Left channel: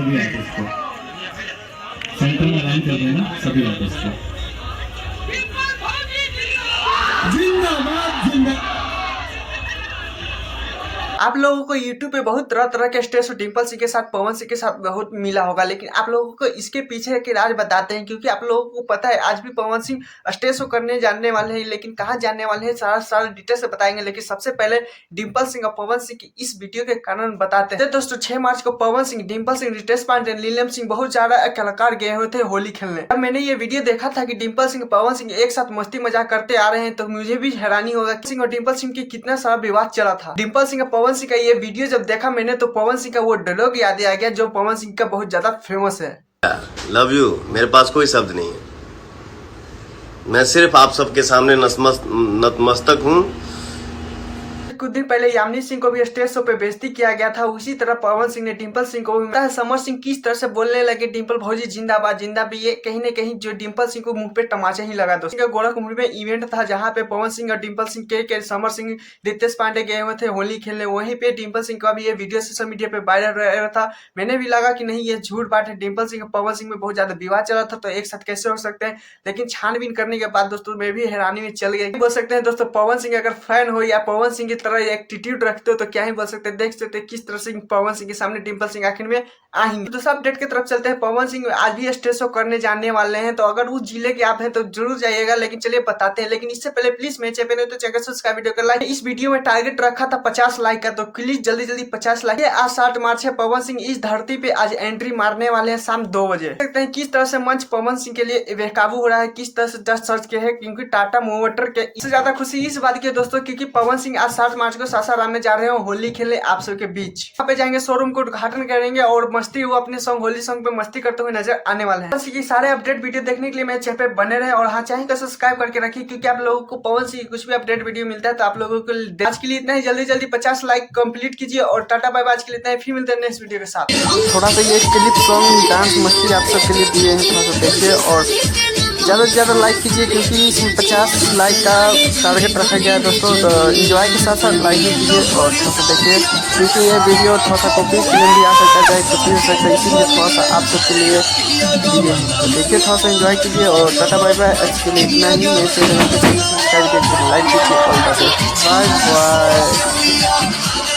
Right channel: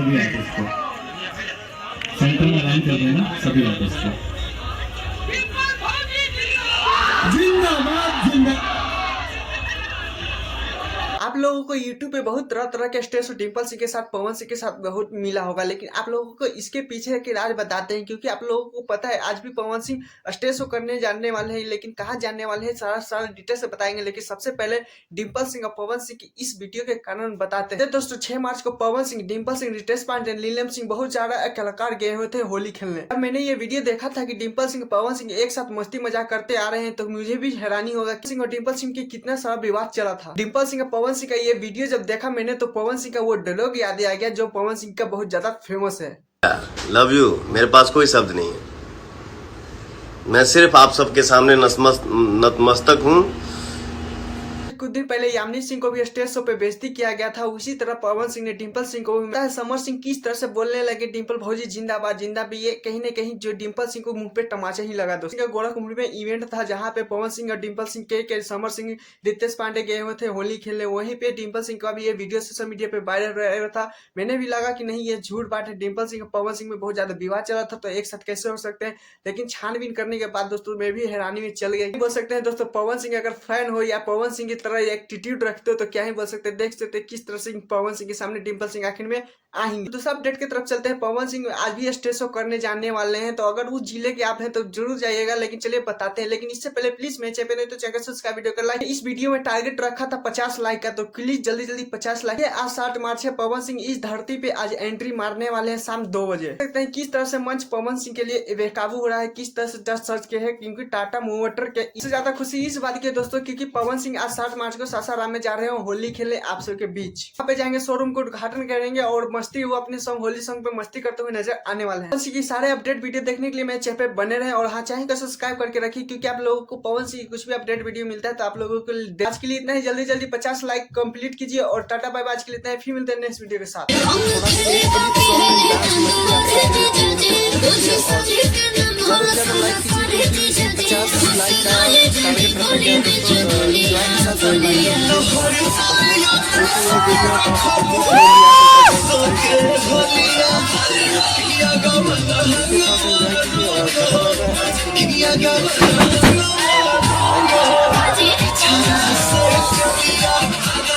सभी आर्टिस्ट को, सेंटर में काम कर रहे हैं सभी आर्टिस्ट को। जिंदाबाद जिंदाबाद। आप लोगों को YouTube पे बहुत तरह तरह के स्टेज डिम्पल सिंह के साथ, पवन सिंह के साथ बहुत मिला होगा, लेकिन आप लोगों को इसके पीछे के राज बताते हैं, क्योंकि आप लोगों को पता है आज भी पवन सिंह स्टेज शो करने जाने वाले हैं, लेकिन कहाँ जाने वाले हैं सारा डिटेल से बताएंगे। लेकिन सबसे पहले डिम्पल सिंह और पवन सिंह की इस वीडियो के कारण बताते हैं। दोस्तों 6 मार्च को पवन सिंह, डिम्पल सिंह, रितेश पांडे, नीलम सिंह, बहुत सारा कलाकार गए हुए थे होली खेलने। अब मैंने ये वीडियो देखा था कि डिम्पल सिंह, पवन सिंह एक साथ मस्ती मजाक करते आ रहे हैं, तो मुझे भी हैरानी होगा सिंह और डिम्पल सिंह की कितना सारा विवाद चला था। डिम्पल सिंह और पवन सिंह का ये वीडियो जब देखा मैंने, तो पवन सिंह का वो डायलॉग याद आ गया जो पवन सिंह का बहुत ज्यादा फेमस है। लव यू, मेरे पास कोई शब्द नहीं है। मैं सिर्फ आप सबके सामने नतमस्तक हूँ। कुछ दिन पहले यामिनी सिंह को भी स्टेज शो पे बेइज्जती किया गया था, उसी तरह पवन सिंह ने डिम्पल सिंह को भी। समर सिंह किस तरह से बोलने लगे, डिम्पल भौजी जिंदाबाद जिंदाबाद, ये कहीं न कहीं जो डिम्पल सिंह को मुंह पे टमाचा ही लगा। दोस्तों गोरखपुर में इवेंट था जहाँ पे पवन सिंह और डिम्पल सिंह के समर सिंह, रितेश पांडे गए हुए थे होली खेलने। वहीं पे डिम्पल सिंह का भी ये वीडियो सोशल मीडिया पे वायरल रहा था। मैंने भी लगा कि नहीं ये झूठ बात है, डिम्पल सिंह और पवन सिंह में बहुत ज्यादा विवाद चला था, तो एक साथ कैसे हो सकते हैं। लेकिन छानबीन करने के बाद दोस्तों मैं भी हैरानी में चल गया। बोल सकते हैं दोस्तों पवन सिंह अगर फैन हो या पवन सिंह की तरह एटीट्यूड रखते हो तो क्या ही बोल सकते हैं। देख सकते हैं किस तरह से पवन सिंह के सामने डिम्पल सिंह आखिर में आएंगे। दूसरा अपडेट की तरफ चलते हैं। पवन सिंह आज भी स्टेज शो करने जाने वाले हैं, तो अगर उस जिले के आप हैं तो जरूर जाइएगा। लेकिन चलिए बताते हैं, लेकिन इससे पहले प्लीज मेरे चैनल पे तो चैनल सब्सक्राइब, वीडियो का लाइक। इस वीडियो में टारगेट रखा था 50 लाइक का, तो प्लीज जल्दी जल्दी 50 लाइक। आज 7 मार्च है, पवन सिंह इस धरती पे आज एंट्री मारने वाले हैं शाम 2 बजे। देखते हैं किस तरह से मंच पवन सिंह के लिए बेकाबू हो रहा है, किस तरह से जस्ट सर्च के है, क्योंकि टाटा मोटर के इससे ज्यादा खुशी इस बात की है दोस्तों, क्योंकि पवन सिंह आज 7 मार्च को सासाराम में जा रहे हैं होली खेलने आप सबके बीच। यहाँ पे जाएंगे, शोरूम को उद्घाटन करेंगे और मस्ती वो अपने सॉन्ग होली सॉन्ग पे मस्ती करते हुए नजर आने वाले हैं। इसी सारे अपडेट वीडियो देखने के लिए मेरे चैनल पे बने रहे और हाँ चाहे तो सब्सक्राइब करके रखिए, क्योंकि आप लोगों को पवन सिंह कुछ भी अपडेट वीडियो मिलता है तो आप लोगों को आज के लिए इतना ही। जल्दी जल्दी 50 लाइक कंप्लीट कीजिए और टाटा बाय बाय। आज के लिए इतना ही, फिर मिलते हैं नेक्स्ट वीडियो के साथ। थोड़ा सा ये क्लिप सॉन्ग डांस मस्ती आप सबके लिए दिए हैं, थोड़ा सा देखिए और ज़्यादा से ज़्यादा लाइक कीजिए, क्योंकि इसमें 50 लाइक का टारगेट रखा गया है दोस्तों। तो इंजॉय के साथ साथ लाइक कीजिए और देखिए, क्योंकि ये वीडियो थोड़ा सा पब्लिक भी आ सकता है, इसलिए थोड़ा सा आप सबके लिए देखिए, थोड़ा सा इंजॉय कीजिए और टाटा बाय बाय। आज के लिए इतना ही। लाइक कीजिए और बाय बाय।